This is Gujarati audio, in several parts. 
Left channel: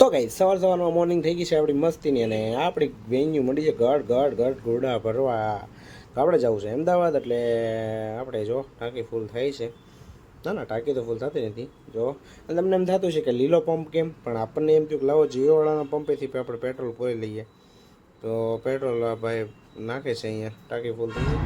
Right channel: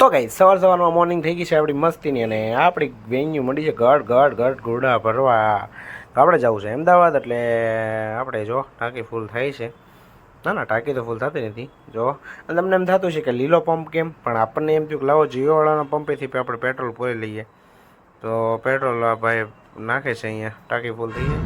તો ગાઈસ સવારમાં મોર્નિંગ થઈ ગઈ છે આપણી મસ્તીની અને આપણી વેન્યુ મળી છે ગઢ ઘોડા ભરવા. તો આપણે જવું છે અમદાવાદ, એટલે આપણે જો ટાંકી ફૂલ થાય છે. ના ટાંકી તો ફૂલ થતી નથી જો. અને તમને એમ થતું છે કે લીલો પંપ કેમ, પણ આપણને એમ થયું કે લાવો જીઓવાળાના પંપેથી આપણે પેટ્રોલ પૂરી લઈએ. તો પેટ્રોલ ભાઈ નાખે છે અહીંયા, ટાંકી ફૂલ થઈ છે.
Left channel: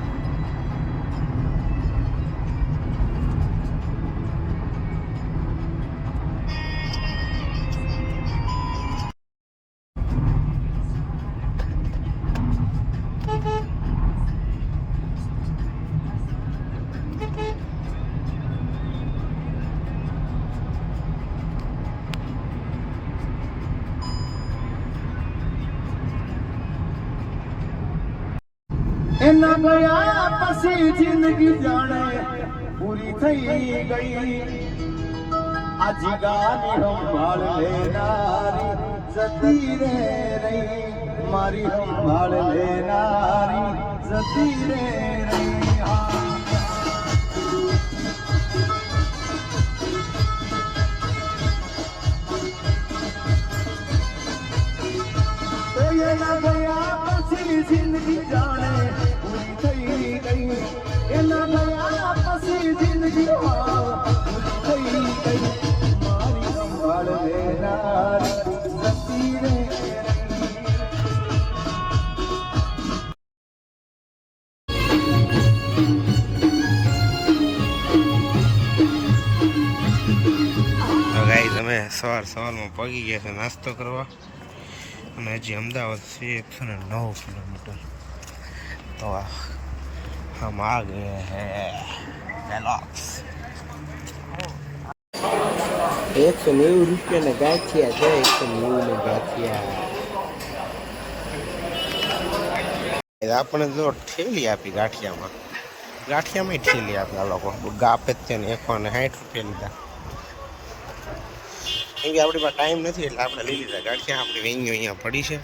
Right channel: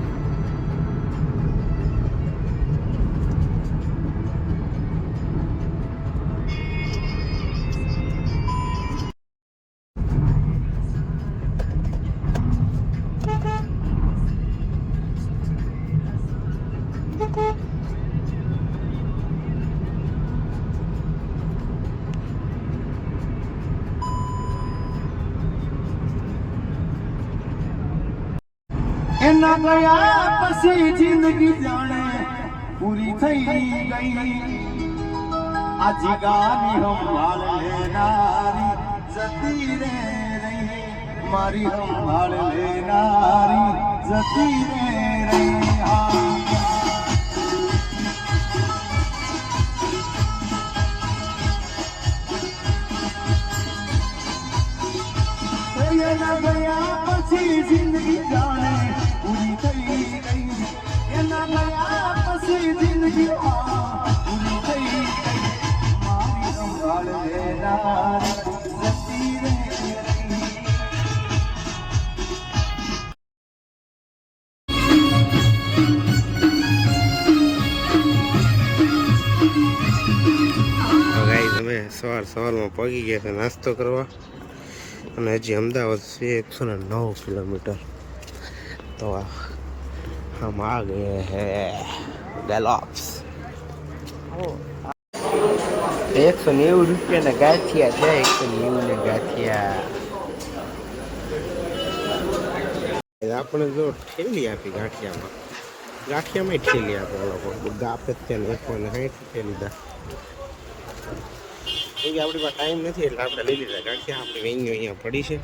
એના ગયા પછી જિંદગી જાણે પૂરી થઈ ગઈ. આ જીગાની સંભાળ લેનારી જતી રે રહી, મારી સંભાળ લેનારી જતી રે રહી. એના ગયા પછી જિંદગી જાણે પૂરી થઈ ગઈ. એના ગયા પછી જિંદગી પૂરી થઈ ગઈ. મારી સંભાળ લેનારી જતી રે રહી. ગાઈસ અમે સવારમાં પહોંચી ગયા છે નાસ્તો કરવા, અને હજી અમદાવાદ છે 109 કિલોમીટર. તો हम आ गए हैं गैलोप्स. 190 રૂપિયાના ગાંઠિયા છે, 190 ને ગાંઠિયા. આપણે તો ઠેલી આપી ગાંઠિયામાં ઠેલી આપે આ લોકો. ગાપે ત્યાં 160 રૂપિયા લીધા. કેમ કે આપણી પાસે ટાઈમ નથી એટલે આપણે લઈ લીધા ગાંઠિયા. આપણી વેન્યુ અહીંયા પડી છે,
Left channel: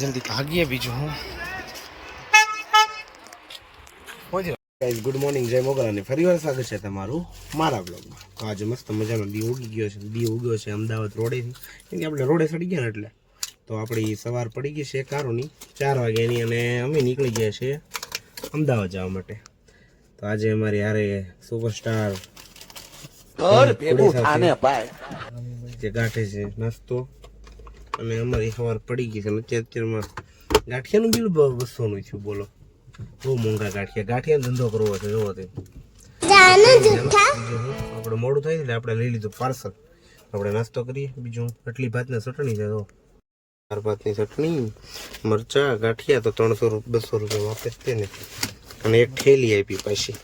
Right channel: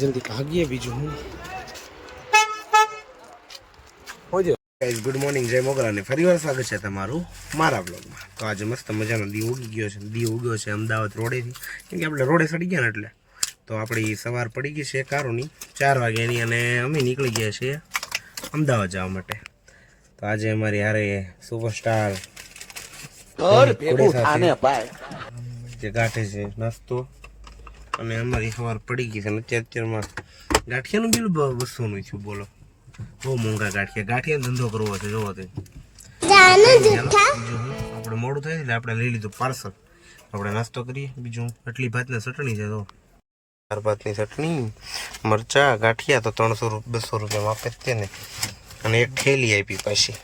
જલ્દી ભાગીએ. બીજું હું ગુડ મોર્નિંગ, જય મોગલાને ફરી વાર સ્વાગત છે તમારું મારા બ્લોગમાં. તો આજે મસ્ત મજાનો દી ઉગી ગયો છે. અમદાવાદ રોડેથી, કેમ કે આપણે રોડે ચડી ગયા ને એટલે. તો આપણી સવાર પડી ગઈ છે કારોની 4 વાગ્યાની, અને અમે નીકળી ગયા છીએ અમદાવાદ જવા માટે. તો આજે અમારી હારે સુપરસ્ટાર જે ગાંઠે છે નાસ્તો, અને અમારી સવાર પડી ગઈ છે. અત્યારમાં ગાંઠિયાનું બિલ 200નું થયું. બોલો, બહુ મોંઘા ગાંઠિયા ધંધો કરવો છે. જોવો તે આપણે મોડું થાય એટલે આપણે લઈ લીધું પાર્સલ. આપણે નાસ્તો કરીએ. બીજું એટલી ભાતની ચટણી છે, તો 4 ભાતની ચટણી, મરચા, ગાંઠિયા તો 200 રૂપિયામાં આપે જ ને. અને એક ઠેલી આપી પાછી.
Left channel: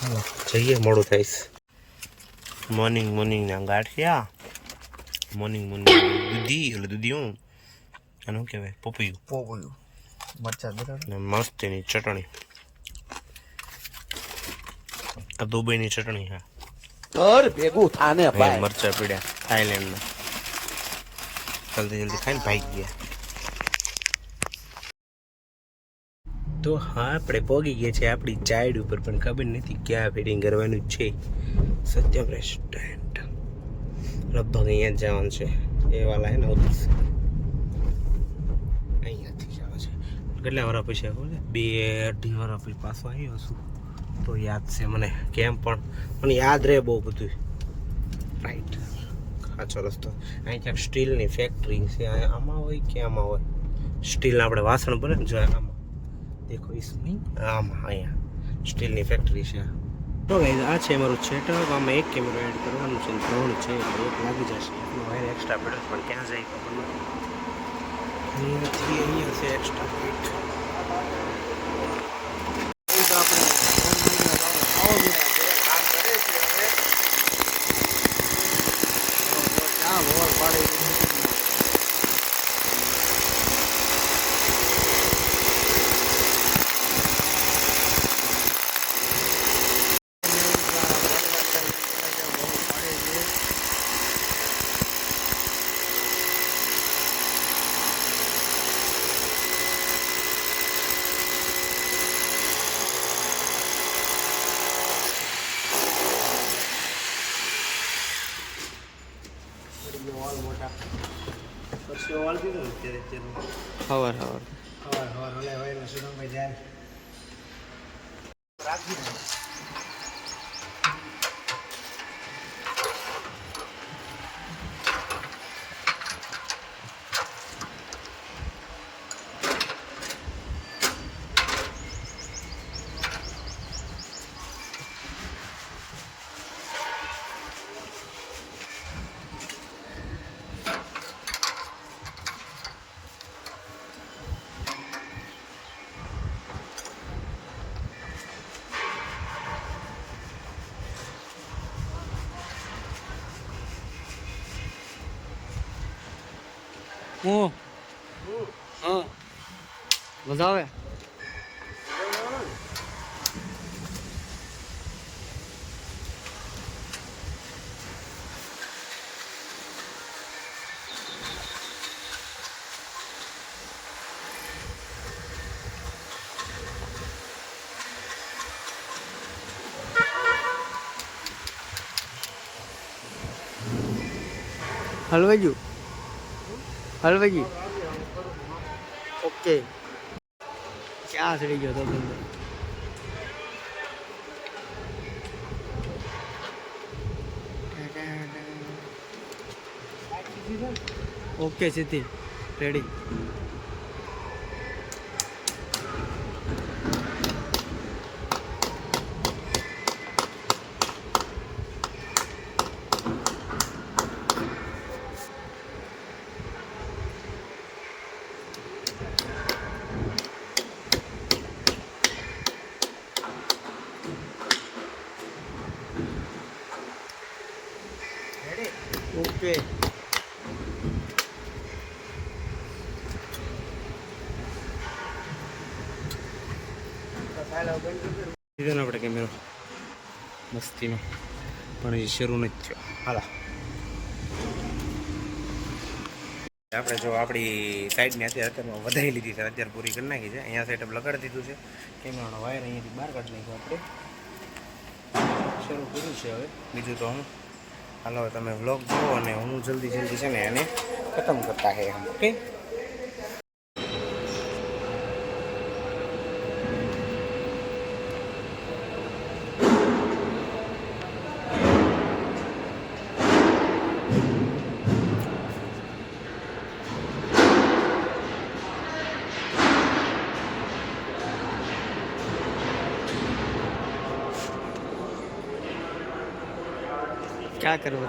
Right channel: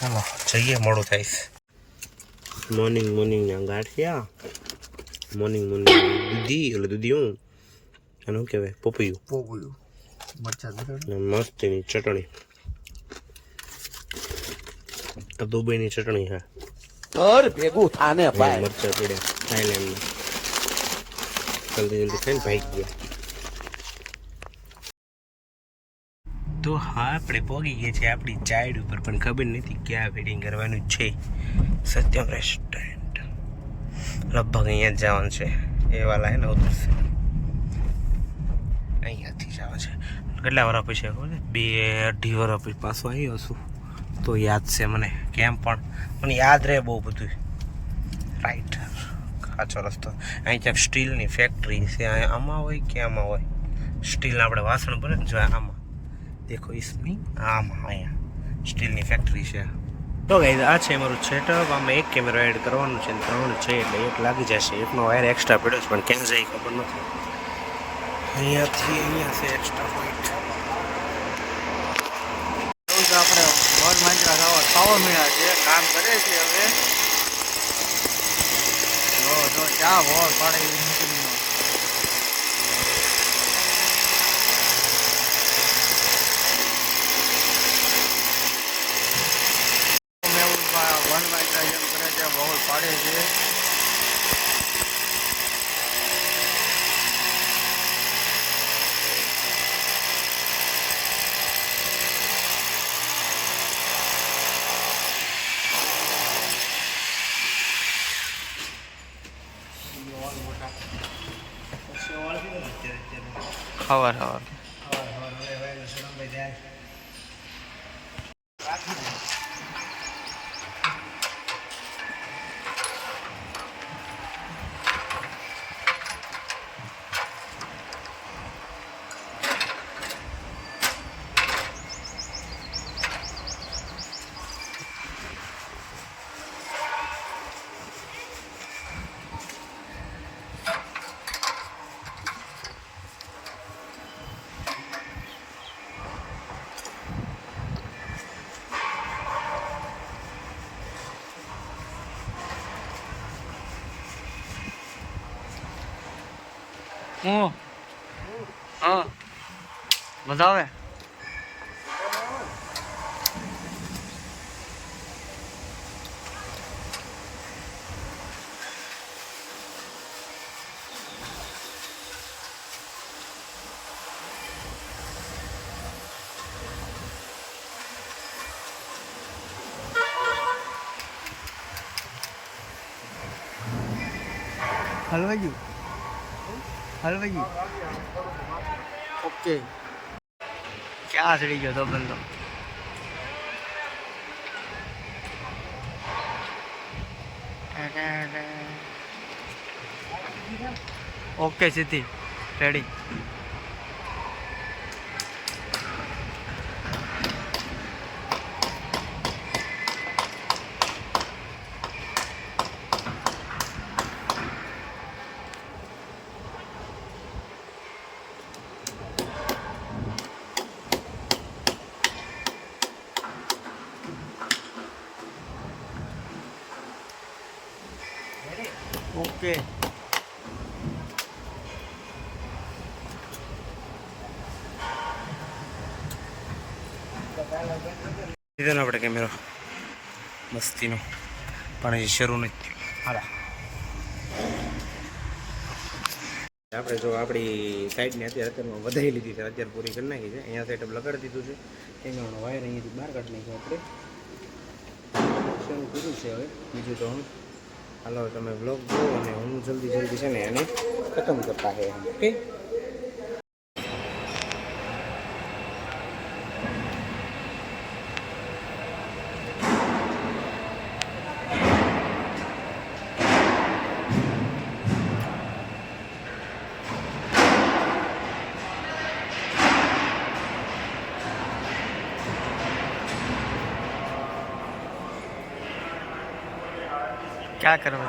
હાલો જઈએ, મોડું થાય. મોર્નિંગના ગાંઠિયા, મોર્નિંગ દૂધી હું અને શું કહેવાય પોપૈયું મરચા ને મસ્તીની ચટણી. આ દુબઈની ચટણી છે. ઘર ભેગું થાને ભાઈ. મરચા પીડ્યા થાઈલેન્ડમાં. જલ્દી ખાઈને ભાગી ગયા. તો હા, આપણે પહોંચી ગયા છે આપણી ચાઈડ ઉપર, પણ ખબર નથી ક્યાં ફિટિંગ કરવાનું છે. સત્યમ રેસ્ટોરન્ટ લગભગ અહીંયા જ જવાનું છે. એ વાલા હે ને ઉતરશે અહીંયાથી જવા છે. કેટલા વર્ષ પછી ખબર છે? 2-2.5 વર્ષ પછી પાછો આવ્યો છું, તો યાદ છે મને. કેમ પણ યાદ રહે બહુ બધું. રાઈટ, સાચો રસ્તો. અહીં ક્યાંક સ્ટીલની ફેક્ટરી છે. આમાં હોય કે આમાં હોય સ્ટીલના આપણે વાસણ બને ને, જો આમાં દેખો ઇસમી, આમાં અહીંયા સ્ટીલની ફેક્ટરી છે. તો ગાઈઝ આ છે મારું સેટઅપ. આમાં એક કેમેરો એડ કરવાનું છે, 3 છે એટલે 1 લાગી જશે. એકનો વાયર એક્સ્ટ્રા પડ્યો છે, પણ ક્યાં જાય ખબર નથી. અહીંયા છે એક્સ્ટ્રા પોઈન્ટ. તો આપણે વન માંજરા ખાવા મળ્યા છે, કામ કરે છે. હવે જો ચા વોર પાડે મૂકીનો. વન માંજરા એમ કરે છે, વોર પાડે છે. ઓલ મોટા પછી ઓલ કીધું ને અત્યારે ખબર ખબર હવાર ઓલે હોય સુરંગભાઈ જાય રાખી દે હું હા મજા આવે હલવાઈ ગયું ઓકે ક્યાં ચડી ગયો તો બંધો ઓકે સીધી રેડી ઓકે લીધો ને આપણે કેમેરો મસ્તીનો પણ હજી શરૂ નથી થયો હાલો આપણે જો આપણી સાઈડને અત્યારમાં વધારી લીધી છે અત્યારે પૂરી કરી નાખી છે અહીંયા સેટઅપ લગાડી દીધું છે કેમેરાનો વાયર અહીંયાથી બહાર કાઢી નાખ્યો આપણે શરૂ કર્યું છે હવે બીજું તો હું હાલો તમે વ્લોગ જુઓ અને હું જલ્દી છે ને એને ખતમ કરતા હે ઓકે क्या करवा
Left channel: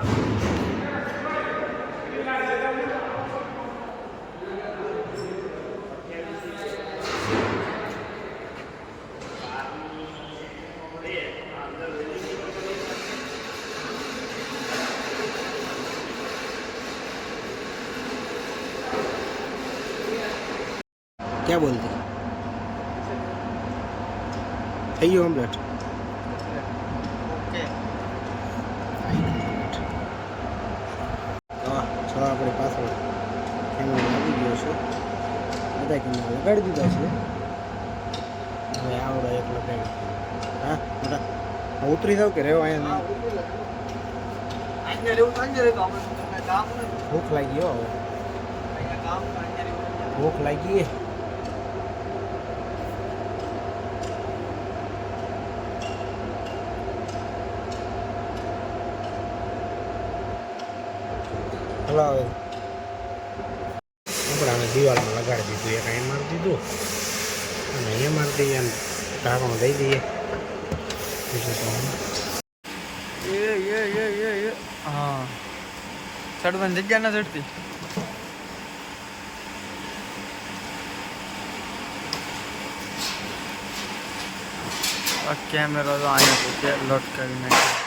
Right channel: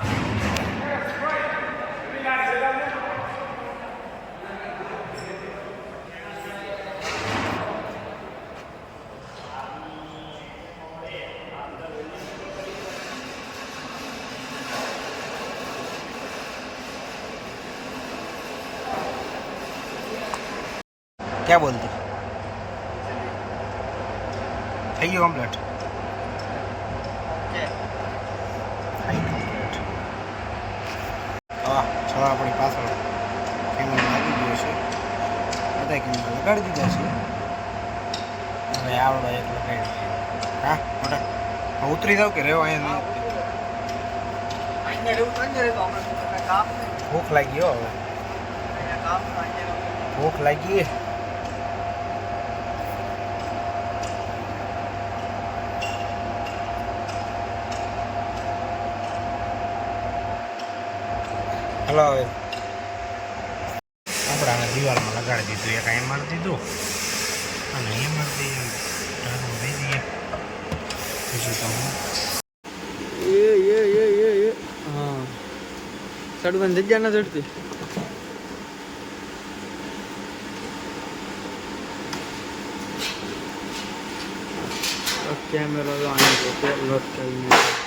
क्या बोलती થઈ ગયું કમ્પ્લીટ હા છ આપણી પાછળ કેમેરો લાગી ગયો છે બધા કેમેરા લગાડી દીધા છે હવે આવડો એક લગાડી હા મોટા ઉતરી જાવ કે રેવો અહીંયા ભૂખ લાગી હો હવે ભૂખ લાગી હલો હવે આપણે આને દિવાલમાં લગાડી દીધું એક અહીંયા મારી દીધું અને અહીંયા મારી દઈએ અને ઢાંકણું દઈ દઈએ બીજું તો હું ये हाँ चढ़वन जगह ना चढ़ती कैमरा तो आने को लटका नहीं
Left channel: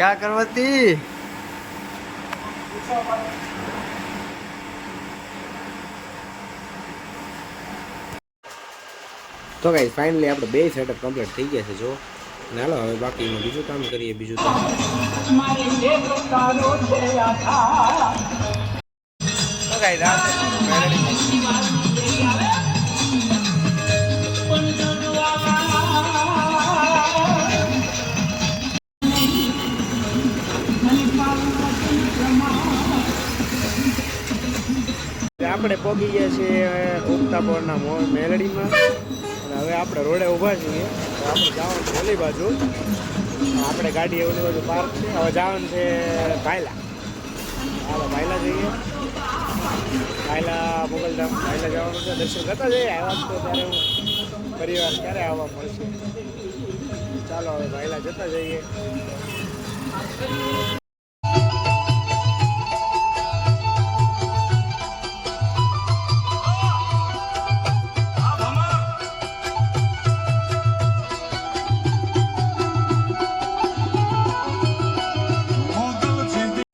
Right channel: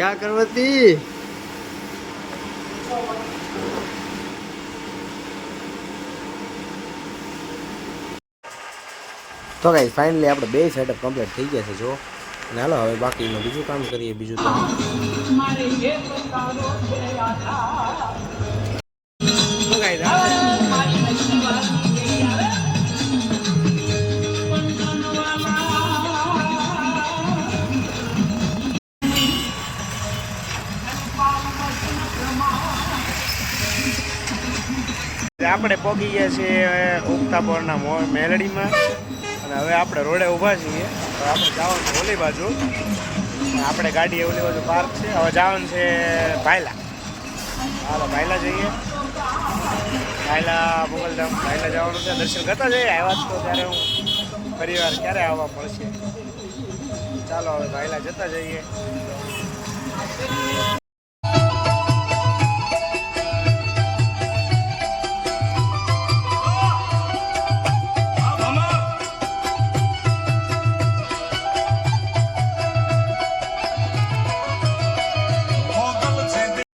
क्या करवती તો ગાઈસ ફાઇનલી આપણે બે સેટઅપ કમ્પ્લીટ થઈ ગયા છે જો. અને હાલો હવે બાકીનું બીજું કામ કરીએ. બીજું તો ગાઈસ આ છે આપણે પહોંચી ગયા છીએ ઉગતાપોરના મેલડીમાં. અને હવે આપણે રોડે ઊભા છીએ. હવે આપણે જવાનું છે ઓલી બાજુ. આપણે ગાડી ઓલી બાજુ પાર્ક છે. હવે જવાનું છે ભાયલા. હાલો ભાયલા જઈએ. ભાયલા મોગલધામ ભાયલા જવાનું છે. દર્શન કરતા જઈએ. આવ્યા તો ત્યારે હું પરિવાર ક્યારે આવવા મળશે. ચાલો હવે ભાયલા જતા જઈએ.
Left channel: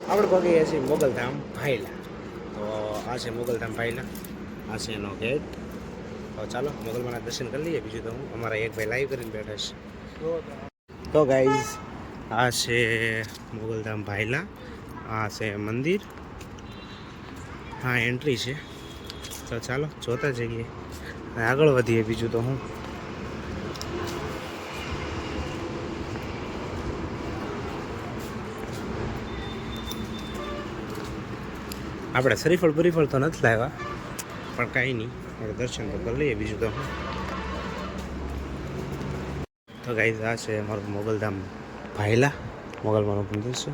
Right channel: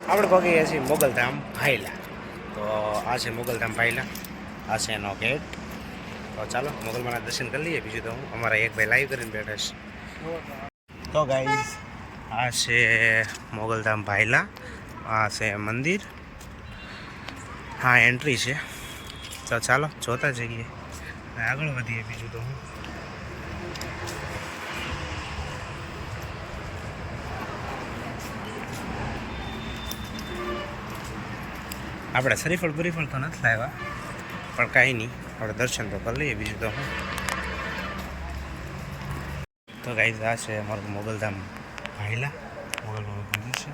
આપણે પહોંચી ગયા છીએ મોગલધામ ભાયલા. તો આ છે મોગલધામ ભાયલા. આ છે એનો ગેટ. તો ચાલો મોગલમાના દર્શન કરી લઈએ. બીજું તો હું અમારા એક ભાઈ લાઈવ કરીને બેઠા છે. તો ગાઈઝ આ છે મોગલધામ ભાયલા. આ છે મંદિર. હા એન્ટ્રી છે. તો ચાલો જોતા જઈએ અને આગળ વધીએ. બીજું તો હું આપણે શરીફળ બરીફળ તો નથી લાવ્યા, પણ કાંઈ નહીં, આપણે દર્શન તો કરી લઈએ. બીજું તો હું તો ગાઈઝ આ છે અમારું મોગલધામ ભાયલા. મોગલમાનું મંદિર છે.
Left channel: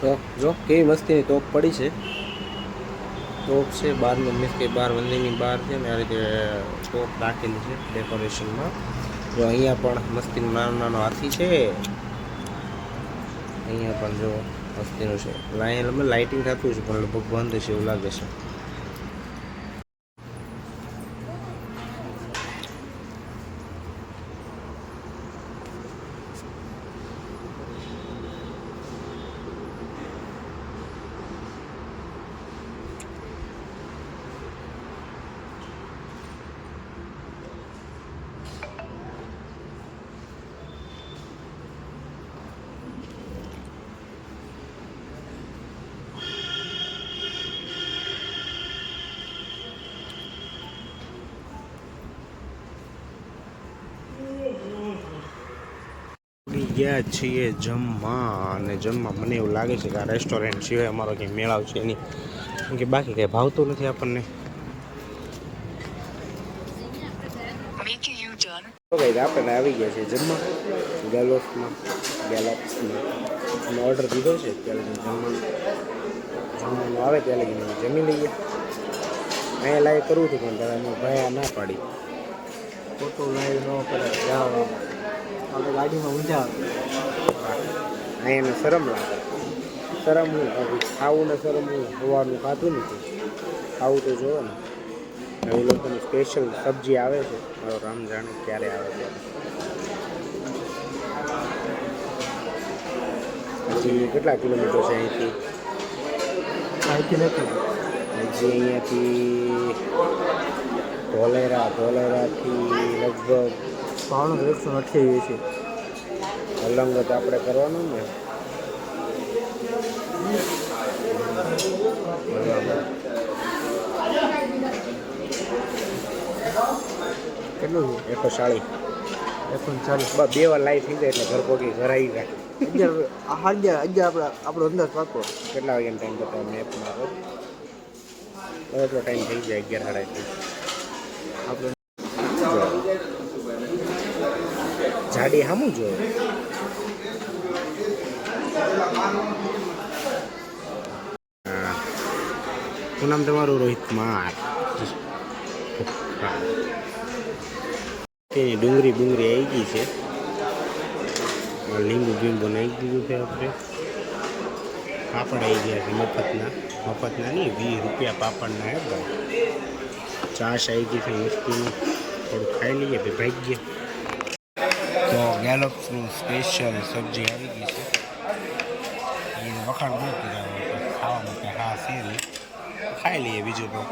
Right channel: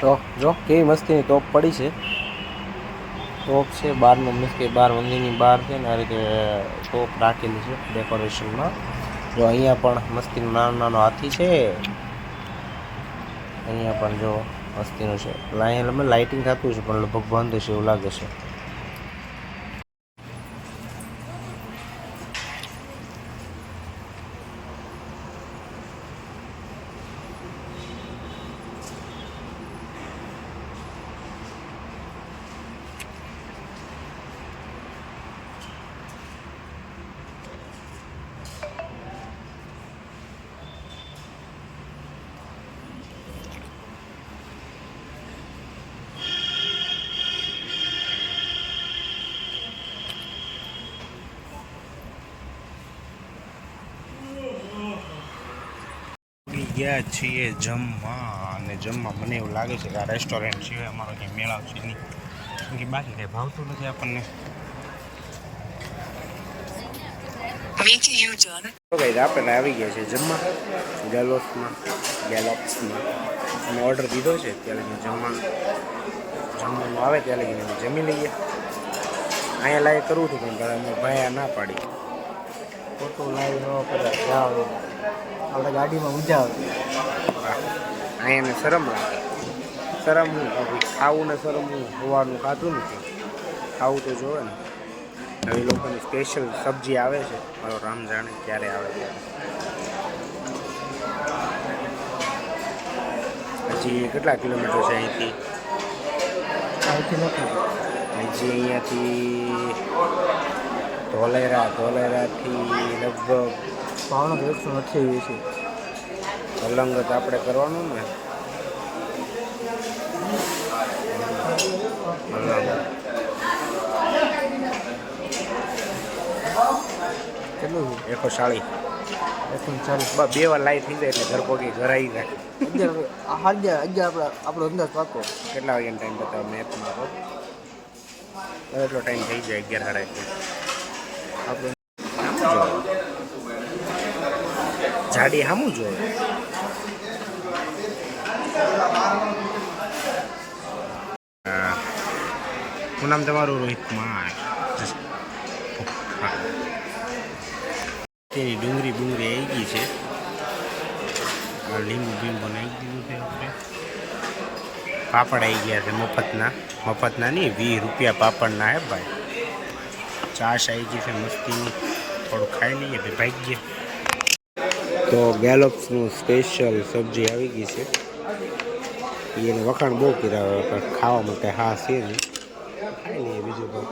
તો જો કેવી મસ્તીની તોપ પડી છે. તોપ છે બહારનું, મીન્સ કે બહાર મંદિરની બહાર છે ને આ રીતે તોપ રાખેલી છે ડેકોરેશનમાં. જો અહીંયા પણ મસ્તીનું નાનો નાનો હાથી છે. અહીંયા પણ જો મસ્તીનું છે. અહીંયા લાઇટિંગ થતું છે પણ લગભગ બંધ છે એવું લાગે છે. ગયા છીએ જમવા. અને જમવા મને એવું લાગે છે કે આ રેસ્ટોરન્ટ સિવાય અમારો કંઈ મેળાવ છે નહીં, કેમ કે બાકી કંઈ ભાવતું નથી આપણને. તો ગાઈઝ આપણે આવી ગયા છે જમવા ગેલોપ્સમાં. અમે ઓર્ડર દીધો છે. ત્યાં લગીને જમવાનું આવે ત્યાં લગીને જમી લઈએ. અહીંયા લાઈવ કરવું હતું પણ અમે ભાઈ ના પાડી. ફોટો લાઈવ ન કરે જાવ આપણે ગાડીમાં ઊંઝા આવે. અહીંયાને શરમ લાગે. શરમ હું ખાવું ને શરમ હું હોવાનું ખાતું નથી. ખાવું તો જોવે ને. હવે લોકોની સ્પેશિયલ સબ્જી આવે છે. મારો રામ જાણે ક્યારે આવે ત્યારે. હજી કેટલા કિલોમીટર છે અહીંથી? નથી હજી અહીંયાથી ધોલેરાથી લગભગ ભાવનગર 128 છે. અલંગત આપણે કરવાનું ને. કેટલું છે? 140. 140. બસ 2 વાર લાઈવ થઈ જાય એટલે ઘર પહોંચી ઘર આવી જાય. 11 આપણો અંદાજ પાકો. કેટલા વાગ્યાનો ટાઈમ બતાવો મેપમાં? એટલો ટાઈમ થઈ જાય 11:30. આપણો જાડી સામું જોવે. હા, શું નામ તમારું? રોહિત કુમાર. ચોખા. તેની ડુંગળી આવી ગઈ છે. આ લીંબુ બીંબુ નાખી દીધું છે આપણે. પાપડ આવી ગયા છે મફતના નહીં, 20 રૂપિયા પાપડના હે ભાઈ. છાશ આવી ગઈ છે મસ્તીની. થોડું ખાઈ લઈએ તો ભાગીએ. તો ગેલોપ્સનું સ્પેશિયલ સબ્જી આવી ગઈ છે. એને વખાણ બહુ કર્યા, ખાવા માટે હા છે નહીં, ખાઈ લઈએ બીજું તો.